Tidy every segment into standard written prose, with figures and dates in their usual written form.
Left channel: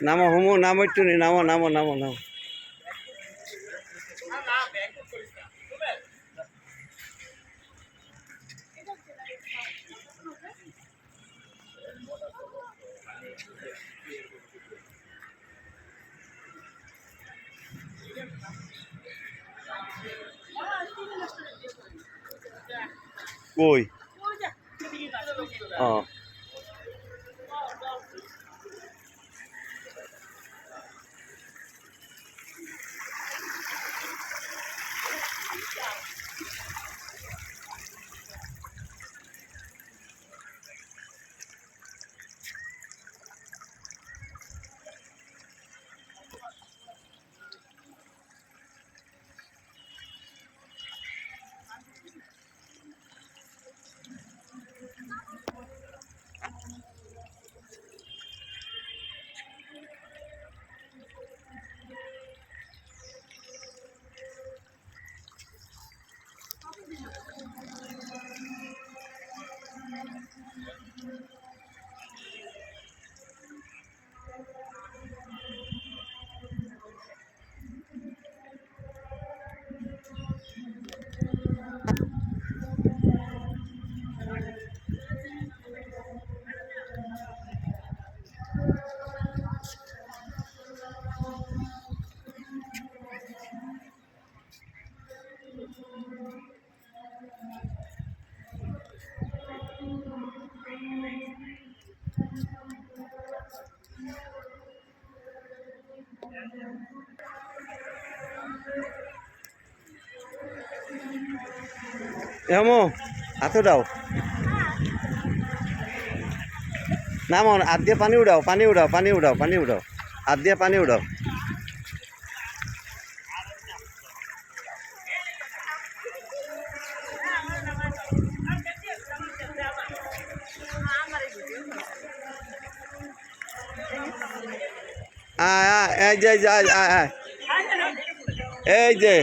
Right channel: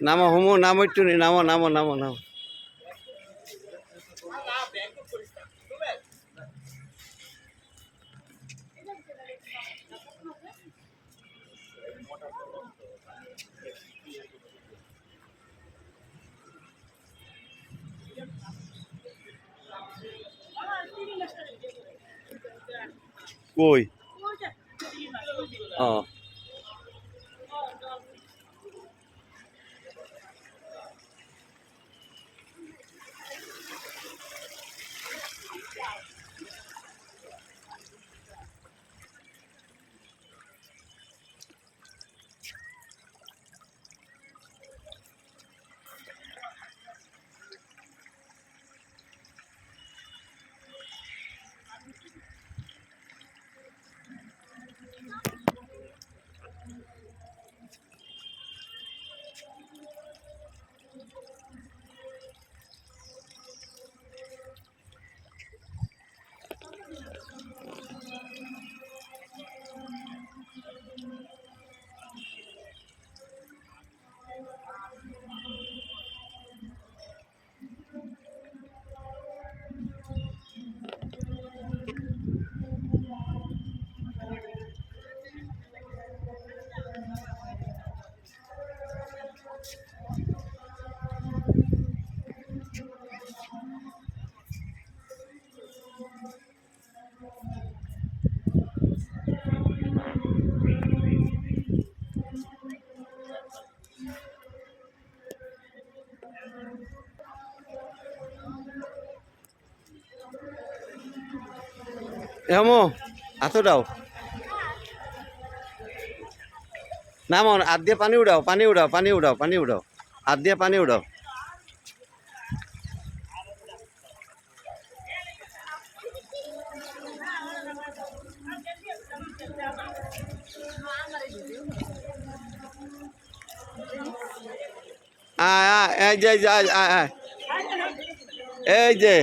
নামো হুমু নামো একটু নামো নামো নামো নামো কই ও হেমো হাত উঠাও নামো হাত দিয়ে পানি উঠাও পানি উঠাও পানি উঠাও পানি উঠাও হাত দিয়ে পানি উঠাও এই যে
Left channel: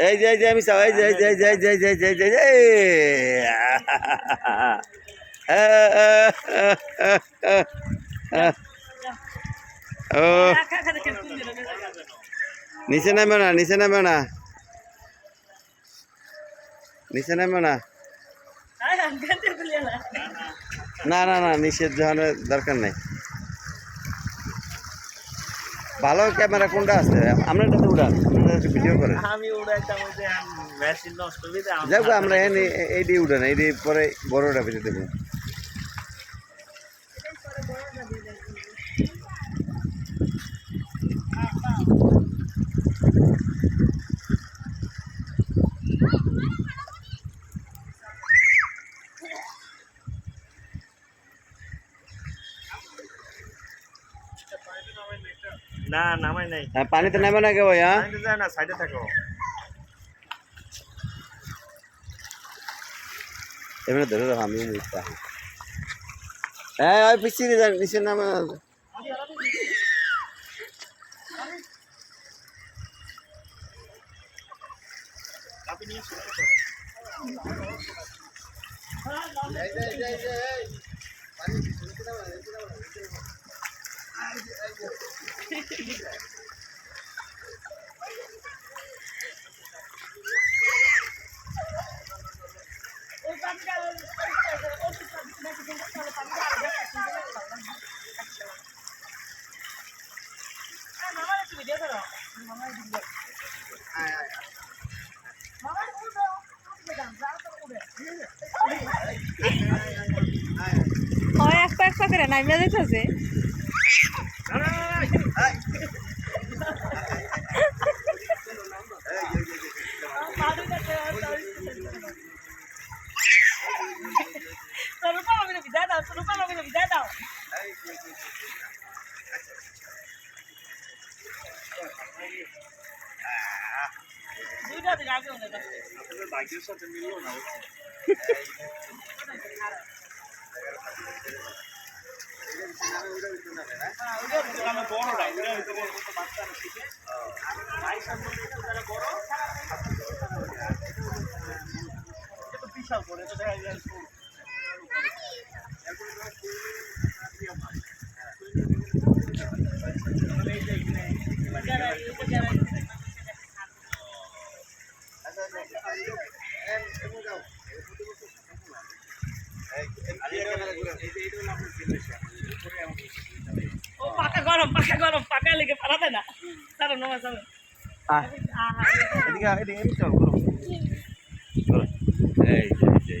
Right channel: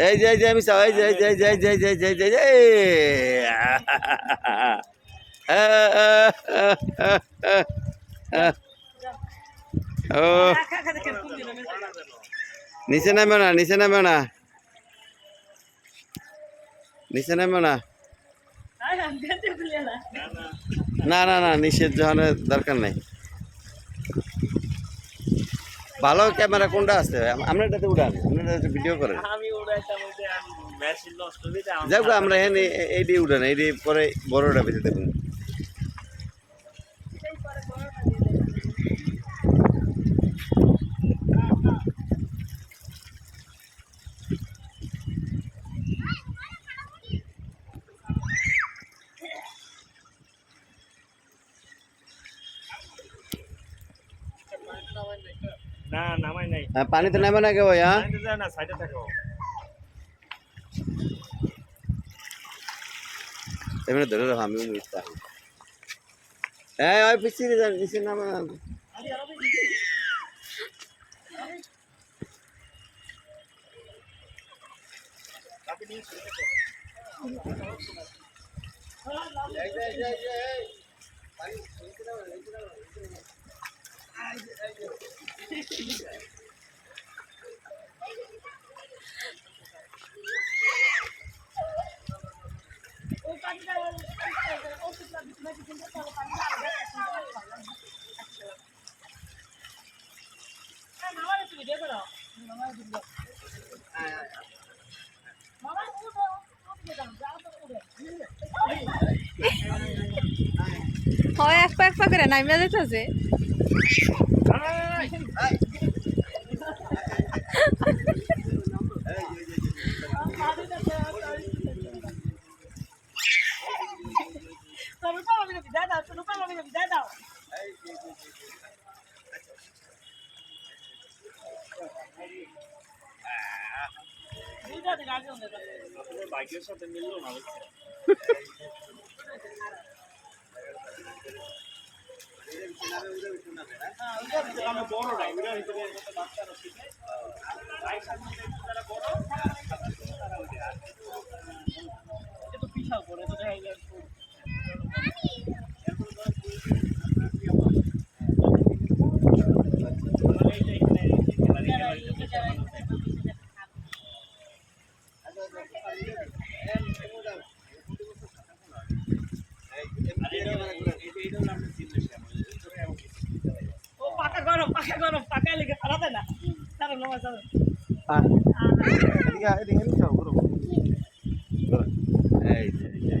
এই যে এই যে আমি চাও এই যে এই যে এই যে এই যে এই যে এই যে ও নিচে নামে না নিচে নামে না নিচে নামে না না না না নিচের জনের দরকার নাই ভালো ক্যামেরা কোনটা আছে আমরা এটাতে উড়ান আপনারা ভিডিও করেন যাক আমরা এই দিয়ে উড়ান এই দিয়ে পরে বড়টা বেঁধে দেখুন না নামাই নাই পানিতে নামে না কেউ না সাইডে থাকো এমনি ধরে রাখো আমি হ্যাঁ ওই পিছিয়ে যান নিচে নামে এক পা করে নামিয়ে যাইতেছে ভাগ্যের সাথে মিললো না বড় ও পাকা গরম পাকা লেগে পারাতে না তারা নমা যাবে এদিকে এদিকে এদিকে চল করো করো এই যে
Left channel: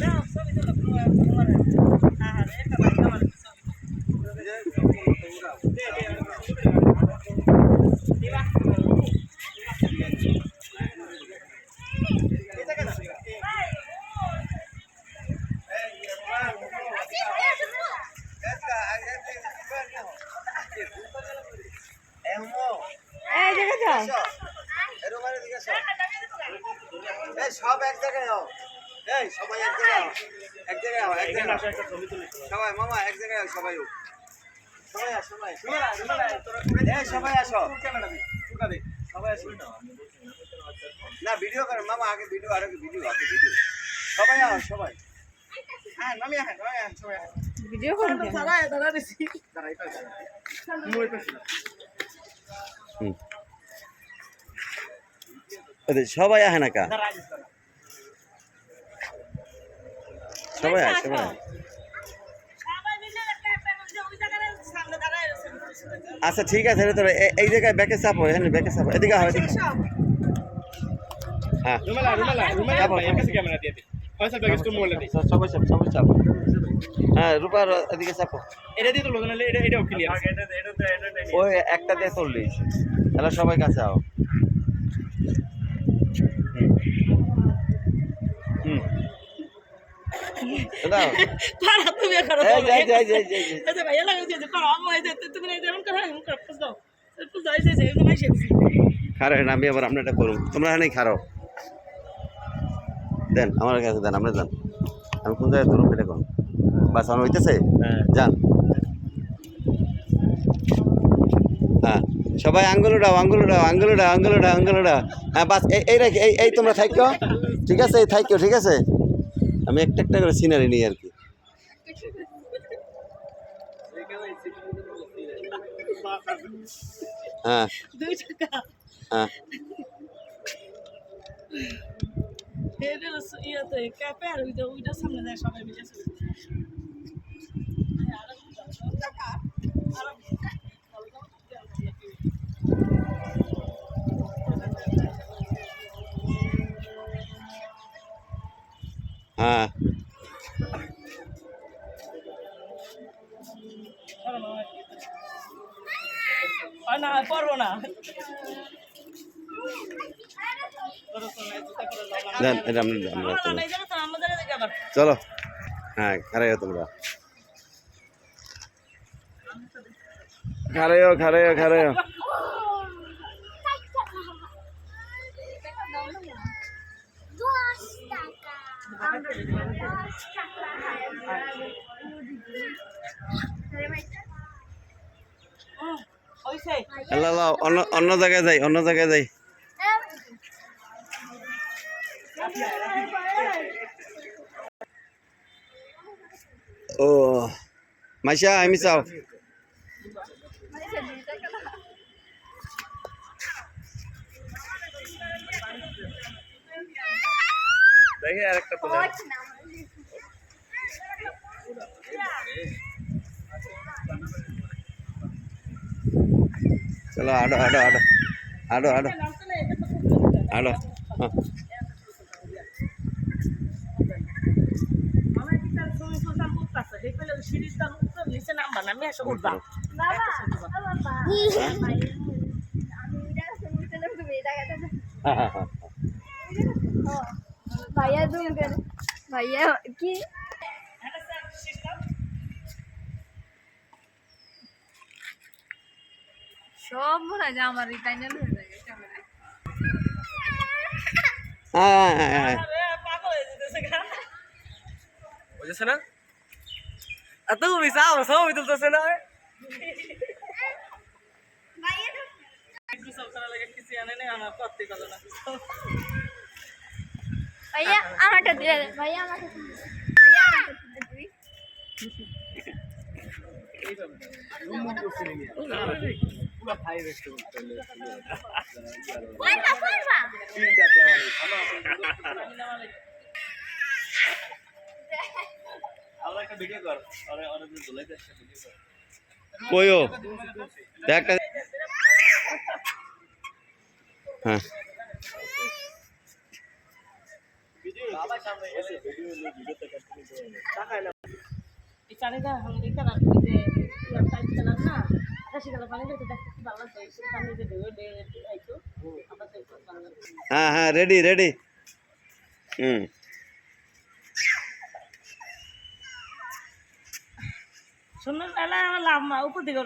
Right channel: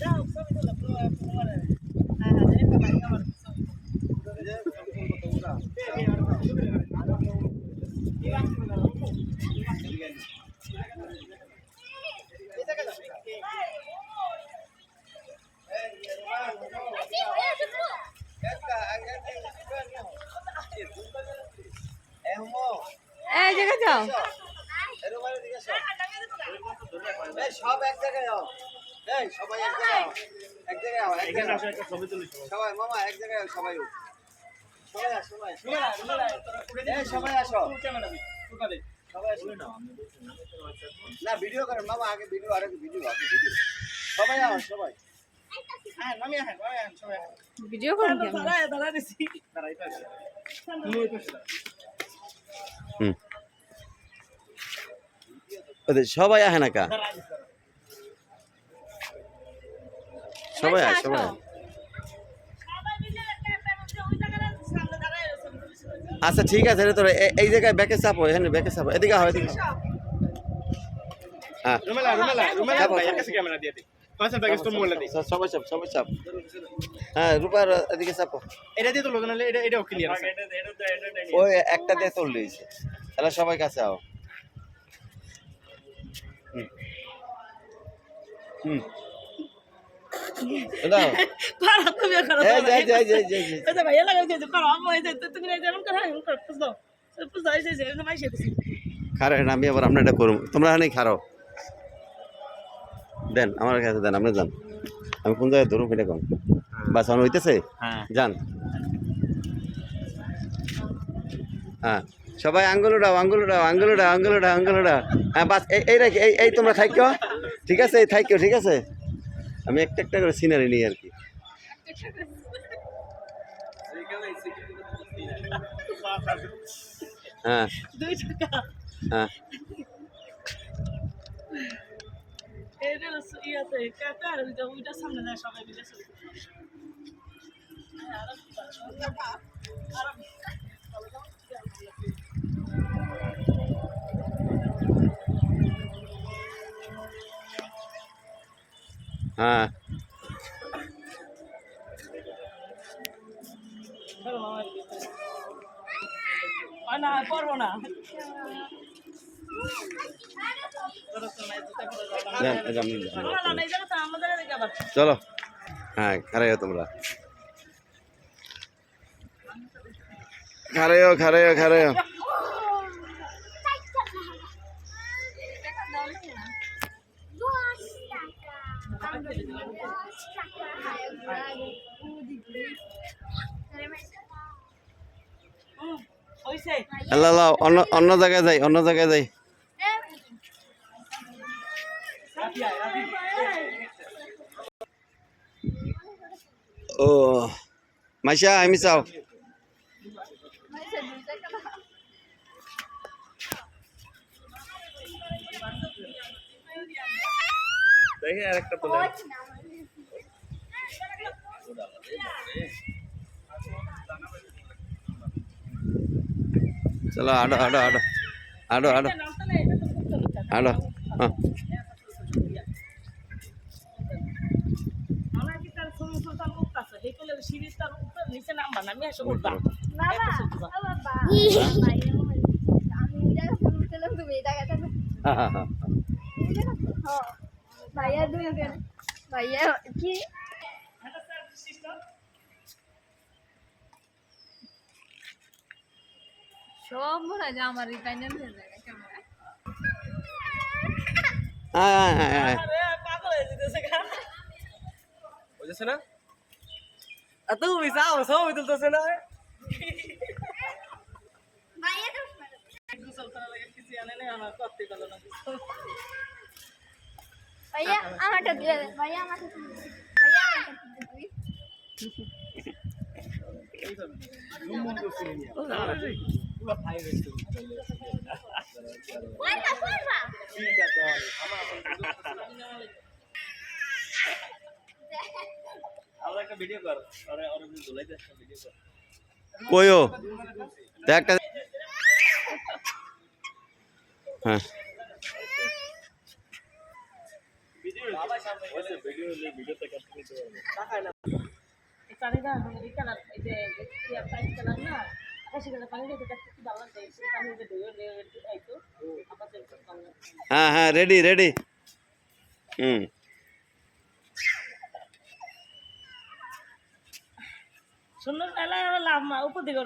দাও সবই দিল তোমার হ্যাঁ এটা ভাই আমার সবই এই জায়গায় যাও সব এক জায়গায় যাও এই সবাই এক জায়গায় যাও এক জায়গায় যাও এক এখানে জায়গায় আসো একটা ছবি তুলি সবাই মামা এক জায়গায় যাও সবাই সবাই আস সবাই এই সবাই আসো সবাই আসো না ভিডিও করেন মামা আগে ভিডিও আগে ভিডিও সবাই আস সবাই ভিডিও করুন কেন? দাঁড়া দিছি সবাই আহে না কা সবাই আয় সবাই আয়। আচ্ছা ঠিক আছে রে তোর এই জায়গায় ব্যাকে চাপো এখানে ব্যাকে চাপো এদিকে হয় এদিকে হ্যাঁ চাপো, সবাই চাপ সবাই চাপ হ্যাঁ রূপার এদিকে চাপো ওই একটা দিয়ে চল্লিশ তাহলে সবাই কাছে আও হুম দাও খারাপ তুমি খারাপ এই যাই যাই যাই যাই যাই এই ভাই লাগা যে খারাপ হয়ে যায় তুমি না যেমন করে এমন করে পুষ দাও পুষ দাও এই যে এরকম আইছে খারো না আমি আবার আমরা এটা করুন তোমরা এখানে খারো দেন আমার কাছে দেন আমরা যান আমি কোন জায়গায় ধরুন এটা কোন বাস আমার হইতেছে যান হ্যাঁ সবাই আঙ্গুল উড়াও আঙ্গুল উড়াও আঙ্গুল উড়াও আঙ্গুল উড়াও আঙ্গুল উড়াও হ্যাঁ বাস এই রাখি এই তোমরা থাইকো ঠিক আছে এই থাইকো ঠিক আছে আমি একটা একটা করে সিনারি নিই আর কি হ্যাঁ দুই টাকা হ্যাঁ এটা ইয়াতে ক্যাফে আর ওইটা সামনে যায় সবাই মিলে ছবি হ্যাঁ না করবো না দেন এটা আমি আমাদের আবার চলো হ্যাঁ খারাইও তোমরা খারাইও হইছে আল্লাহ অন্য জায়গায় যাই ও মাইশা আমি চাও দেখি আরেকটা তুলে চলো আডো হ্যাঁ আমার কি তার ছবি সুলতান মুক্ত আছে এই পেলে সিঁড়ির তার মুক্ত নিচে নামবা না আমি এসে উঠবা বাবা আমি তুমি ভাইয়া দুজন ভাইয়া কি সব মনে হয় যে আমার রিটাইনার হয়ে যায় ক্যামেরা পাগল হয়ে যেতেছে গা বুঝেছে না আর তুমি চাও ছবি তুলতেছে না আনে না আমার করতে গেল না ভাইয়া আমারটা দিয়ে দে ভাইয়া আমারটা দিয়ে দে। ভাইয়া আমারটা দিয়ে দিবি কয়টা করবা আমরা একটা ভিডিও কর আরে আরে ধুলাইতে একটা ভিডিও কর কইও তো একটা হ্যাঁ ভিডিও ভিডিওতে কাট করে দিও এই পানিটা এই কালার যে টাইট কালার না আকাশি কালার পানি দেখতে দেখতে কি ভালো লাগে সেই পানি যে ধুয়ে আইতো আমরা তো হ্যাঁ হ্যাঁ রেডি রেডি শুনুন এলা লাভ মা উপর দিকে